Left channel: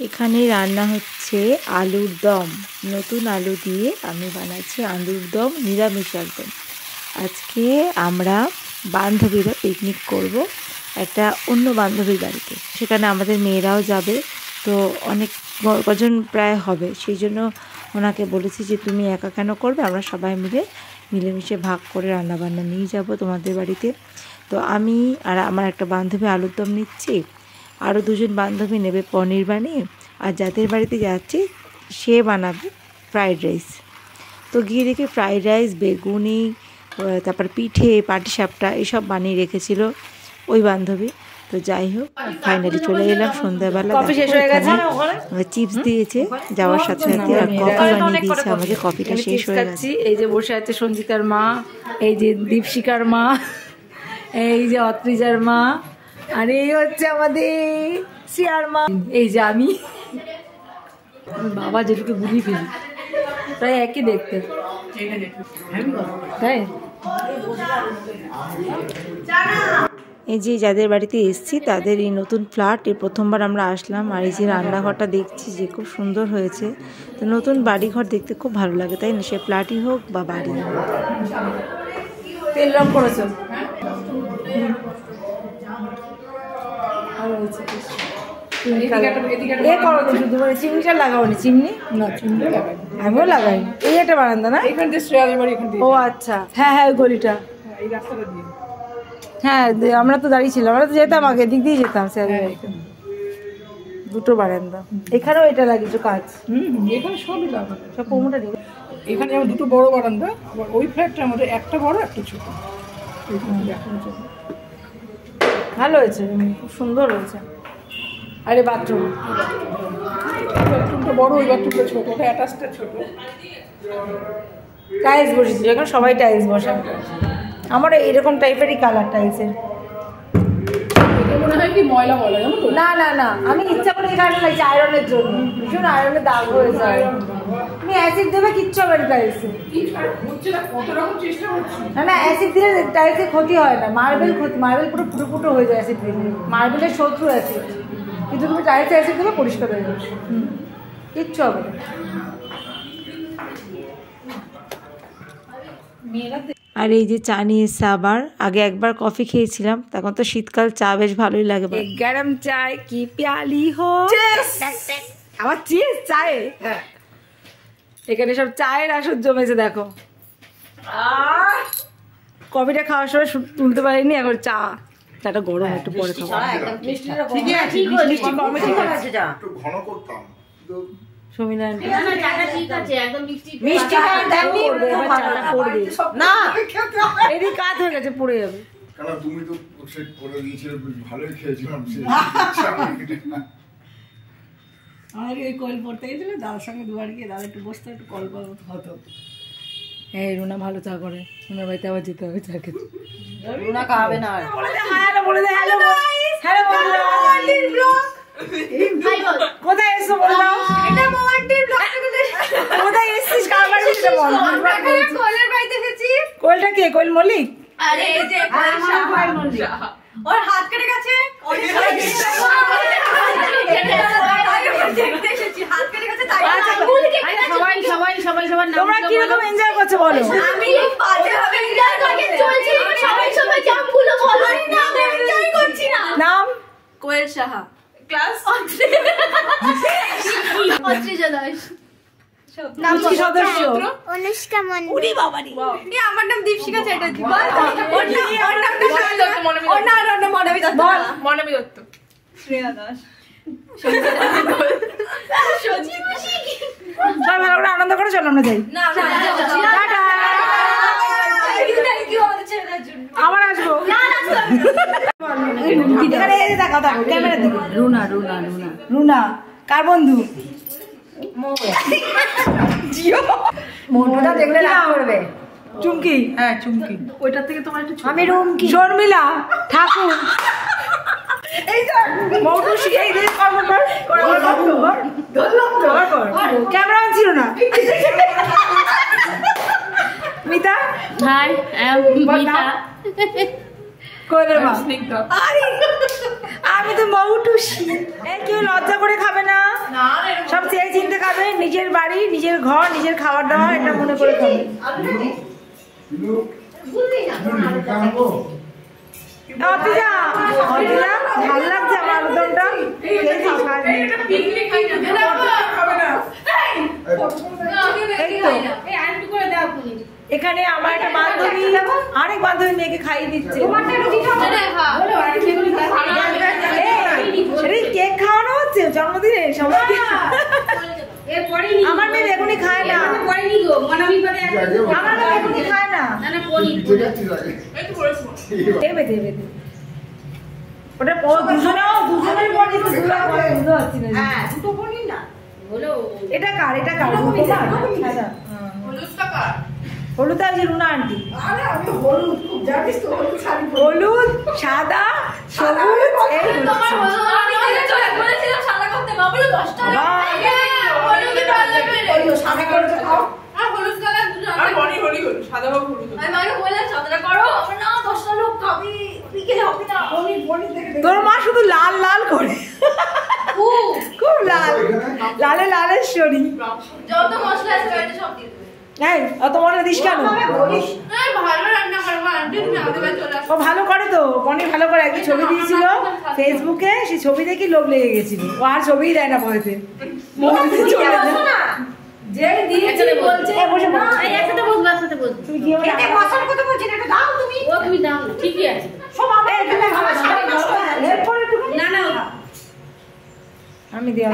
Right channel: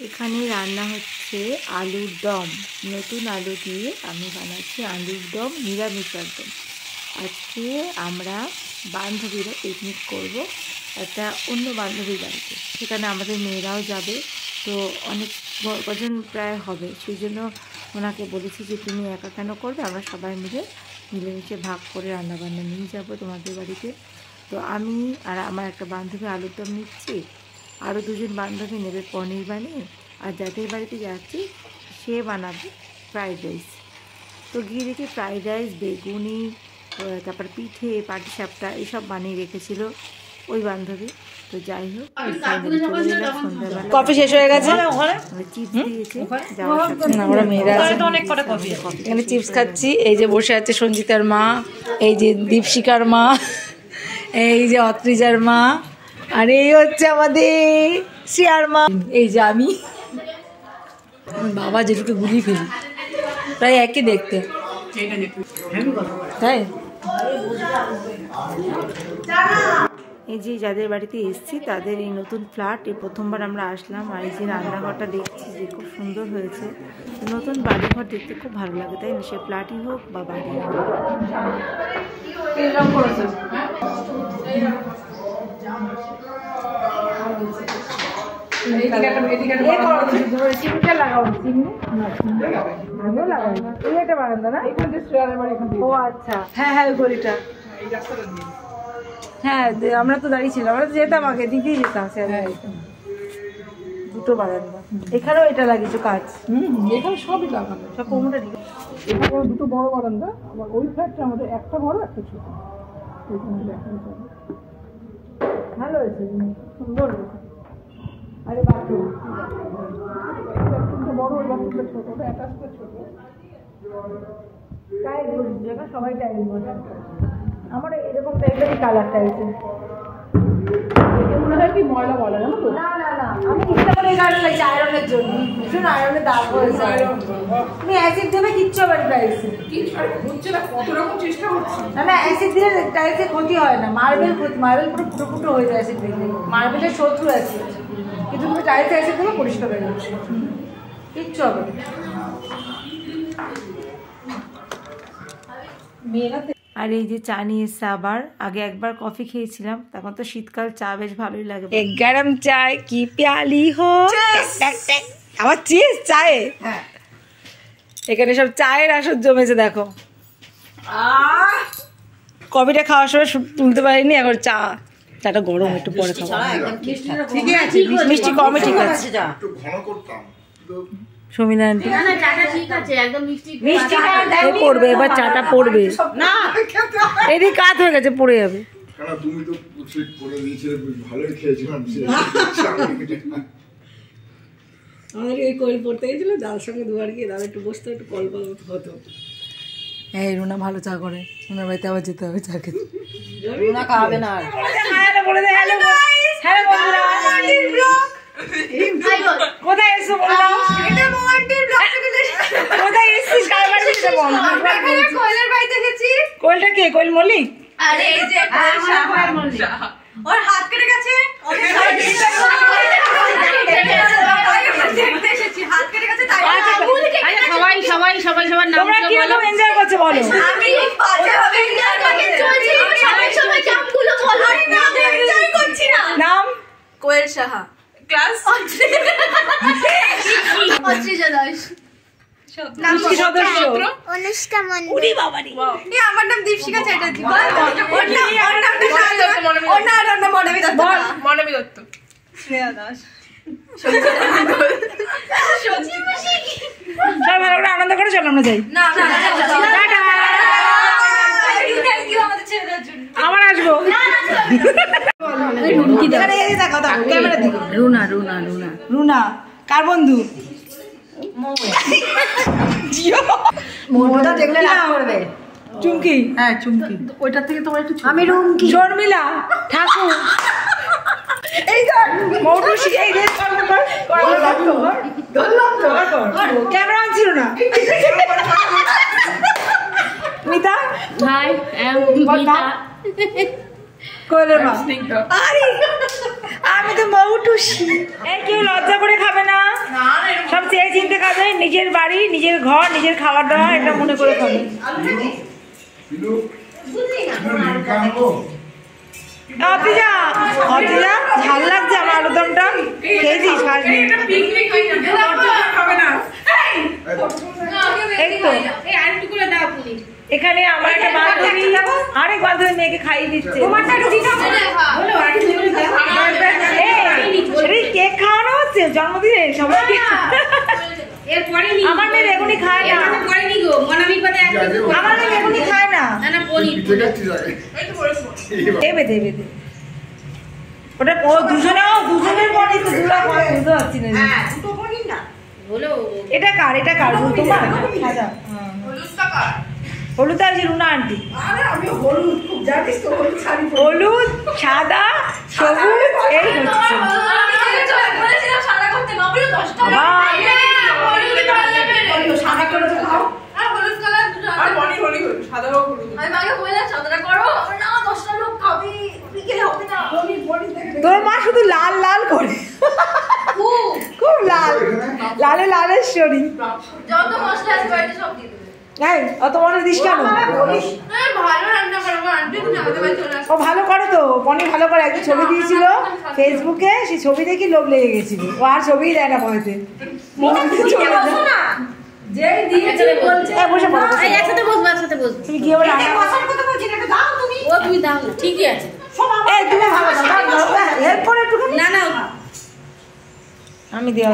এখানে রান্না হচ্ছে আলুর দম। নতুন আলু দিয়ে আমি বানাচ্ছি আলুর দম, নিরামিষ একদম। আজকে আমরা বান্ধবীরা পিকনিক করব একটা অন্য বান্ধবীর বাড়িতে। সেখানে আমাদের মেয়েরাও যাবে, তো অনেক কজন প্রায় হবে। সেই জন্য ওনাকে বলেছি যে তুমি একা কেন করবে, আমরা সবাই মিলে মিলেমিশে ভাগ করে রান্নাবান্না নিয়ে যাব তোমাদের বাড়িতে। তো আমি আর আমার একটা বান্ধবী আলুর দম নিচ্ছি, আরও দুজন বান্ধবী নেবে পনির বানিয়ে, আর যাদের বাড়িতে যাচ্ছি সে বানাবে ফ্রাইড রাইস। তো গিয়ে দেখি ফ্রাইড রাইস, বেগুনি, তারপর পিঠে, পাটিসাপটা এসব বানিয়ে রেখেছিল ওই বান্ধবী। তো যাই হোক, ফাইনালি চলে গেলাম সন্ধ্যাবেলা। কফি শেষ হয়ে গেছে, চিপস দিয়েছে যাওয়ার সাথে আমরা মেয়েরা আমাদের কফিটা চিপস খাচ্ছি। এই যে বসে আছে সঞ্জিতার মা, এই যে দীপশিকার মা, এই যে অত্রিজার মা, আর এই হচ্ছে আমাদের শিয়ার মা, এই যে আমি। বাবা যেটুকু গুলিয়ে ফেলি প্রায় একই দেখতে, তাই। এই যে যাদের বাড়িতে এসেছি তাদের এই নতুন ফ্ল্যাট, এই প্রথমবার আমরা আসলাম। আর এই যে রান্নাঘরটা দেখছি যে খুব সুন্দর হয়েছে। নতুন বাড়িঘর দেখতে খুব ভালো লাগে, তাই না? সে ফ্ল্যাটই হোক বা বাড়ি হোক। চিমনিটা লাগাওনি? চিমনি না, চিমনি লাগাই, আমিও লাগাই। এই একটা বারান্দা না, এখান থেকে শ্রেয়াদের বাড়ি এখান থেকে। ও আচ্ছা, হ্যাঁ হ্যাঁ, ওই গলিটা, এই রাস্তাটা দিয়ে। হ্যাঁ, আমরা তো দাঁড়িয়েছিলাম, আমরা তো যেতাম আগে, দিক দিয়ে যেতাম। দুটো বারান্দা, এখানেও এটা লাগিয়েছো কাজ? এখানে সবই লাগানো, সব কমোটা দিকে। এখানে দুটো বড় বারান্দা, ওই ফ্ল্যাটটার মধ্যে একটা বড় একটা ছোট। ভালো হয়েছে, খুব সুন্দর হয়েছে। আরে বাথরুম, বাথরুমটা বড়, ওই বাথরুমটা ছোট, এটা অ্যাটাচটা ছোট। টাইলস বসেছিল, এখন সবাই টাইলস বসান। আমার এরকম টাইপেরই কালার টাইলসের। মনে হয় কি ময়লা বলে, জানো তো? না না না, আমি ইচ্ছা করে এই কারণে লাগছে আয়রনের জন্য। ভীষণ আয়রনের দাগ হয়েছে। তুমি অ্যাসিড দেবে, কিচ্ছু হবে না টাইলসে। হচ্ছে না, কত রকম চেষ্টা করছি। না না, অ্যাসিড দিলে টাইলসে ক্ষতি হয় না। মার্বেল পুরো ফুটো ফুটো হয়ে যায় অ্যাসিড দিলে। মার্বেলের শত্রু আছে, কিন্তু তুমি টাইলসে অ্যাসিড দিলে পরিষ্কার হয়ে যাবে, কিচ্ছু হবে না। আর এই যে চা নিয়ে এসছে আবার। আগে একবার কফি খেয়েছিলাম, তখন তো শীতকাল চা বেশ ভালোই লাগে। গরম চায় কি প্যালি হো, আবার চিজ চায়ে। এখানে সব চায়ের আসর জমেছে, দেখো। কফিটা খাওয়ার সময় তুলতে পারিনি, এখন চাটা গরম, একটু পরে খাবো। মিষ্টি কমে, ঠিক আছে। সুমিনা আন্টি মিষ্টি পড়বে, এবার চাটা পড়বে না, এদিকে কাত হয়ে গেছে, পড়ে যাবে। তুমি তো সেট করে দিয়েছিলে, ভালোই খেয়েছিলাম। আমাদের ওই কল পড়তে গেছিল, দাদার সঙ্গে দুবার গিয়ে দাদা একটু বসতে, একটু গল্প হতো। এই রুনা ভালো চা করে, রুনার বাড়িতে আবার যেতে হবে চা খেতে। রুনা খাওয়াবে না আর। কোথায় এসছো বললাম? কোথায় এসছিস, কার বাড়ি? কোয়েলের বাড়িতে এসেছি। কোয়েলটা কে? কোয়েল মল্লিক? আরে এই যে কোয়েল মল্লিক, ওর হাত কেটে গেছে, দেখতে এসেছি, হাত কেটে গেছে তাই। সবাই সবার নাম। তোমরা কি রকম এনজয় করছো বলো? আমি বাজেভাবে এনজয় করছি, চলছি। সবাই নামগুলো বলো। আরে না, এনজয় করছি না। নাম? কোয়েল সাহা, ক্লাস অত্রিজা দাস, কি সদস্য? অনুষ্কা মন্ডল। উনি বাবারি, আমার নাম দীপশিকা চ্যাটার্জি। ওর নাম মনবী দত্ত। মনবী দত্ত, শ্রেয়া দাস, সবাই ভালো করে আনন্দ করে চলো, আমরা যাই। না টাটা, থ্যাংক ইউ আমাদের ছেড়ে দেওয়ার জন্য। আবার আসবো। রুনা রুনা রুনা রুনা কার বন্ধু? মোটুটা দেখলে রাগ করবে। চুমকি? হ্যাঁ চুমকি। ওইটার থেকে তোমার একটু আমি রুমকি। শর্মিলা ঠাকুর, এই যে মৌটুসি, এই যে ক্যামেরা ছিল না। মিতা? হাই, মিতা। কোয়েলের মা? আরে আমি তো মৌটুসি। এই কেউ লজ্জা করে খাবে না? খাবে নিজের বাড়ি, নিজের ঘর, নিজের খাবার দাবার, এটা মনে করে খাবে। অতিজা ঝাল লাগছে আমার আলুদমটা, খেয়েছিস? এখানে আমার একটা বান্ধবী আরেক বান্ধবী মেয়েকে খাইয়ে দিচ্ছে। কেক খাওয়ানো হচ্ছে জন্মদিনে সবাইকে। আমার মেয়ে বেগুনি খায় না, আমার মেয়ে বেগুনি খায় না। দেবে দেবে ওটা দুজনের বডি তো বুঝতে পারছি না। এটা কার? এটা কার? তোমার? হলুদ আর যে রুনা আন্টি, হলুদ সাদা সবুজ এই হচ্ছে। তোর মা শুধু লাল লাল করে, খুব লাল, লালে লালের শরীর। যত মশলা আছে বাড়িতে সব দিয়ে দেবে। অত মনে দিস কেন? ও ভালো করে তো, বনি ভালো করে। একদিন ছবি দিয়েছিল ফেসবুকে, সেই ছবি দেখি লোভ লেগে গেছিল। ও আর ছবি দেয় না পয়সে, আমি দেওয়া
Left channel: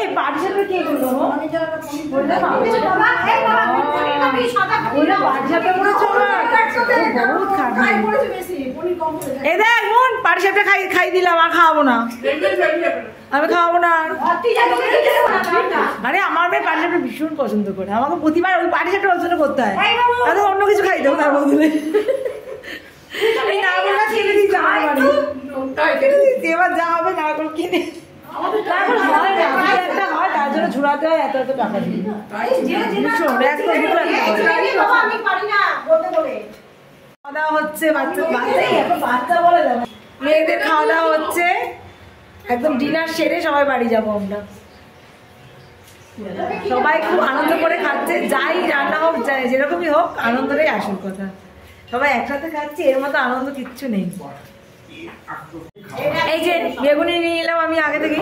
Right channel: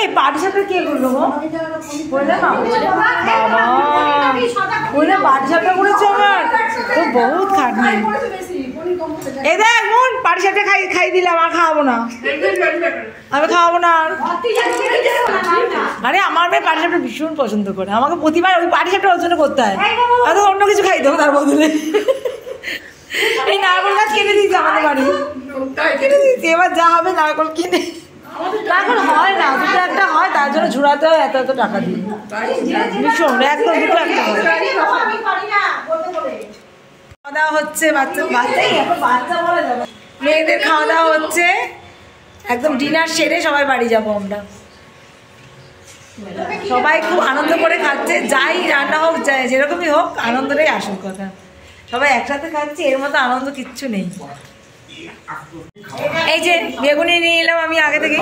এই বাড়ির সাথে কে করবো? বাড়ির সাথে করেছো তো বহুত খাটনি। এ দেখ মন, পাটি সাপটা খাই দিলাম, আর খাওয়াবো না, আমি খাওয়াবো না। আরে আমার মেয়ে পাটি সাপটা ভীষণ পছন্দ করে, আমাকে প্রতিবার ওই পাটি সাপটা ওর জন্য করতে হয়, আর অন্য কিছু খাই দেবো তার বদলে। এই নারকল গাছ কিনে দিয়েছে আমাদের বাড়ি, কিনে দিয়েছে, এবার যা হবে নারকল কিনে। নারকল হয় না, দুটো একটা হয়, তার জন্য ঝুড়াতে হয় এত এত টাকা দিয়ে। ভীষণ একদম দুটো একটা হয়। খাওয়া দাওয়া হচ্ছে, বাচ্চা বলে যাবে, মেয়েদের খাওয়া দাওয়া হচ্ছে, একদম ডিনার সেরে সবাই বাড়ি যাবো আমরা। সবাই খুব আনন্দ করে খাচ্ছে, যাই রান্না হোক, যাই যেরকমই হোক, আনন্দটাই আসল কথা। সবাই একসাথে খাচ্ছে, এর মতো আনন্দ কিচ্ছু নেই। এই যে বেগুনি নিয়ে এলাম আমি আগে থেকে,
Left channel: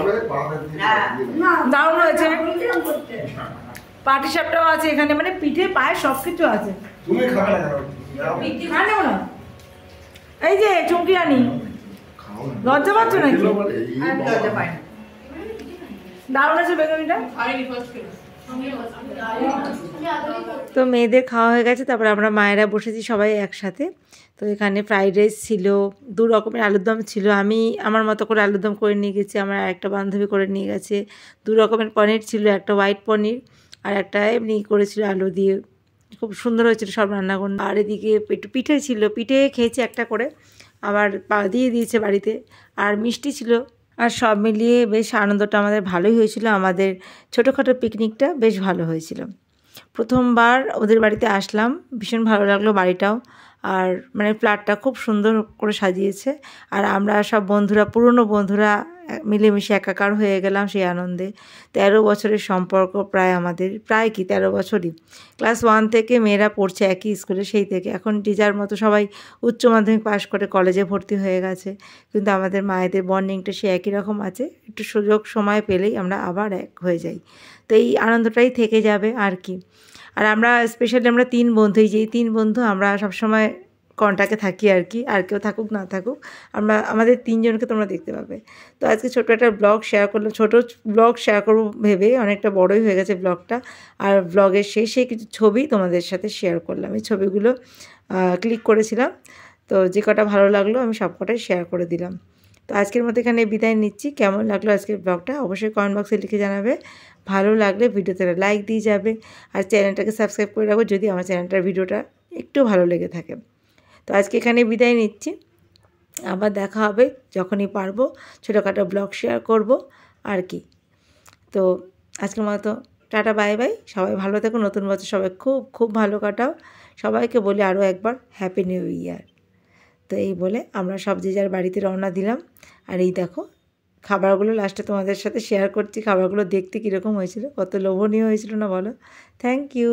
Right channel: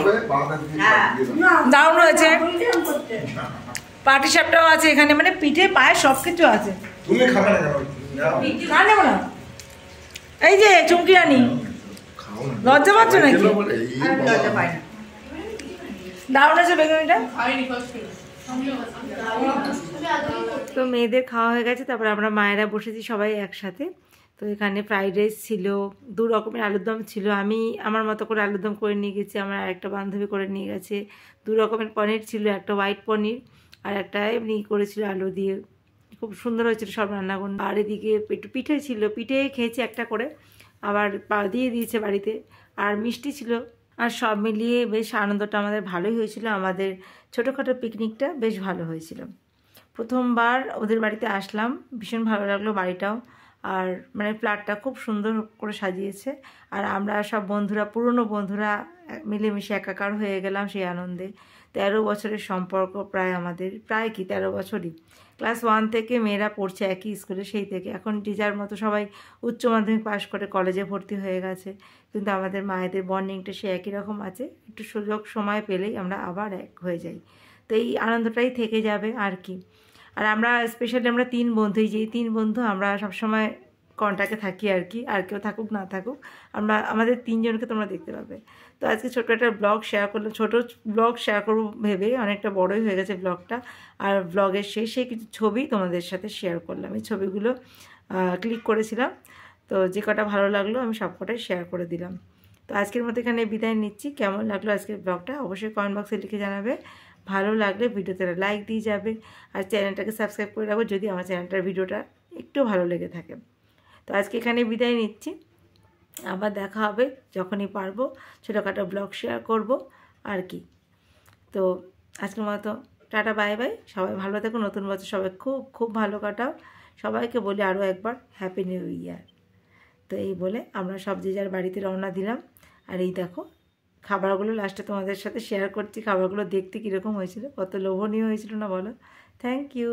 দারুণ হয়েছে। পাটি সাপটাও আছে এখানে, মানে পিঠে পায়ে সবকিছু আছে। না নেবো না। এই যে চুমকি রানী, লজ্জা পাচ্ছ নাকি? দারুণ আছে বেগুনিটা। তো মেয়েদের খাওয়া হয়ে গেছে, তারপর আমরা মায়েরা বসেছি সবাই একসাথে। তো এখানে ফ্রাইড রাইস ছিল, 2 রকমের আলুর দম ছিল। আমি আমার মতো করে আলুর দম করে নিয়ে গেছি, আমার আরেকটা বান্ধবী করে নিয়ে গেছে। 2 রকমের পনির ছিল, একটা হোয়াইট পনির আর একটা এমনি করেছিল আলু দিয়ে, খুব সুন্দর হয়েছিল সব রান্নাগুলো। আর এদিকে একটু পিঠে ছিল, পিঠে খেয়েছি একটা করে, আবার দিয়ে দিয়েছে বাড়িতে, আর মিষ্টি ছিল। আর সব মিলিয়ে বেশ আনন্দটা আমাদের ভালোই হয়েছিল। আমাদের ছোটোখাটো পিকনিকটা বেশ ভালো হয়েছিল। প্রথমবার ওদের বাড়িতে আসলাম, ভীষণ ভালো লাগলো বাড়িটাও, আর মানে ফ্ল্যাটটা খুব সুন্দর করে সাজিয়েছে। আর আমরা সব বন্ধুরা, পুরনো বন্ধুরা মিলেমিশে একাকার হয়ে গেলাম সেই আনন্দে। 13 বছরের সম্পর্ক প্রায় আমাদের, প্রায় কি 13 বছরই। ক্লাস 1 থেকে মেয়েরা পড়ছে একই স্কুলে, সেই থেকে এখন যে যার মতো সবাই উচ্চ মাধ্যমিক পাশ করে কলেজে ভর্তি হয়ে গেছে, কিন্তু আমাদের মায়েদের বন্ডিংটা সে একই রকম আছে। একটু সুযোগ সময় পেলেই আমরা আবার এক হয়ে যাই, তো এই আনন্দটাই থেকে যাবে আর কি। আর আমরা স্পেশালি আমরা 3 বন্ধু, এই যে 3 বন্ধু আমরা সবসময় কন্ট্যাক্টে থাকি আর কি। আর কেউ থাকুক না থাকুক, আমাদের 3 জনকে তোমরা দেখতে পাবে। তো আজকে ছোটো একটা ব্লগ শেয়ার করলাম, ছোটো ব্লগ শেয়ার করবো ভেবে, অনেকটা বড়ই হয়ে গেছে ব্লগটা। আর ব্লগের শেষে কিছু ছবি তোমাদের সাথে শেয়ার করলাম, এই ছবিগুলো ক্লিক করেছিলাম, তো যে কটা ভালো লাগলো আমি সব কটাই শেয়ার করে দিলাম। তো আজকের মতো এখানে বিদায় নিচ্ছি। কেমন লাগলো আজকের ব্লগটা অবশ্যই কমেন্ট বক্সে লিখে জানাবে। ভালো লাগলে ভিডিওতে লাইক দিয়ে যাবে, আর চ্যানেলটাকে সাবস্ক্রাইব করে রাখো যদি আমার চ্যানেলটার ভিডিওটা একটু ভালো লেগে থাকে। তো আজকে এখানে বিদায় নিচ্ছি, আবার দেখা হবে যখনই পারবো, ছোটোখাটো ব্লগ শেয়ার করব আর কি। তো আজকের মতো টাটা, বাই বাই। সবাই ভালো থেকো, নতুন বছর সবাই খুব খুব ভালো কাটাও। সবাইকে বলি আরও একবার হ্যাপি নিউ ইয়ার। তো এই বলে আমরা সব যে যার বাড়িতে রওনা দিলাম। আর এই দেখো খাবারগুলো লাস্টে তোমাদের সাথে শেয়ার করছি। খাবারগুলো দেখতে কীরকম হয়েছিল, কত লোভনীয় হয়েছিল না বলো। Thank you.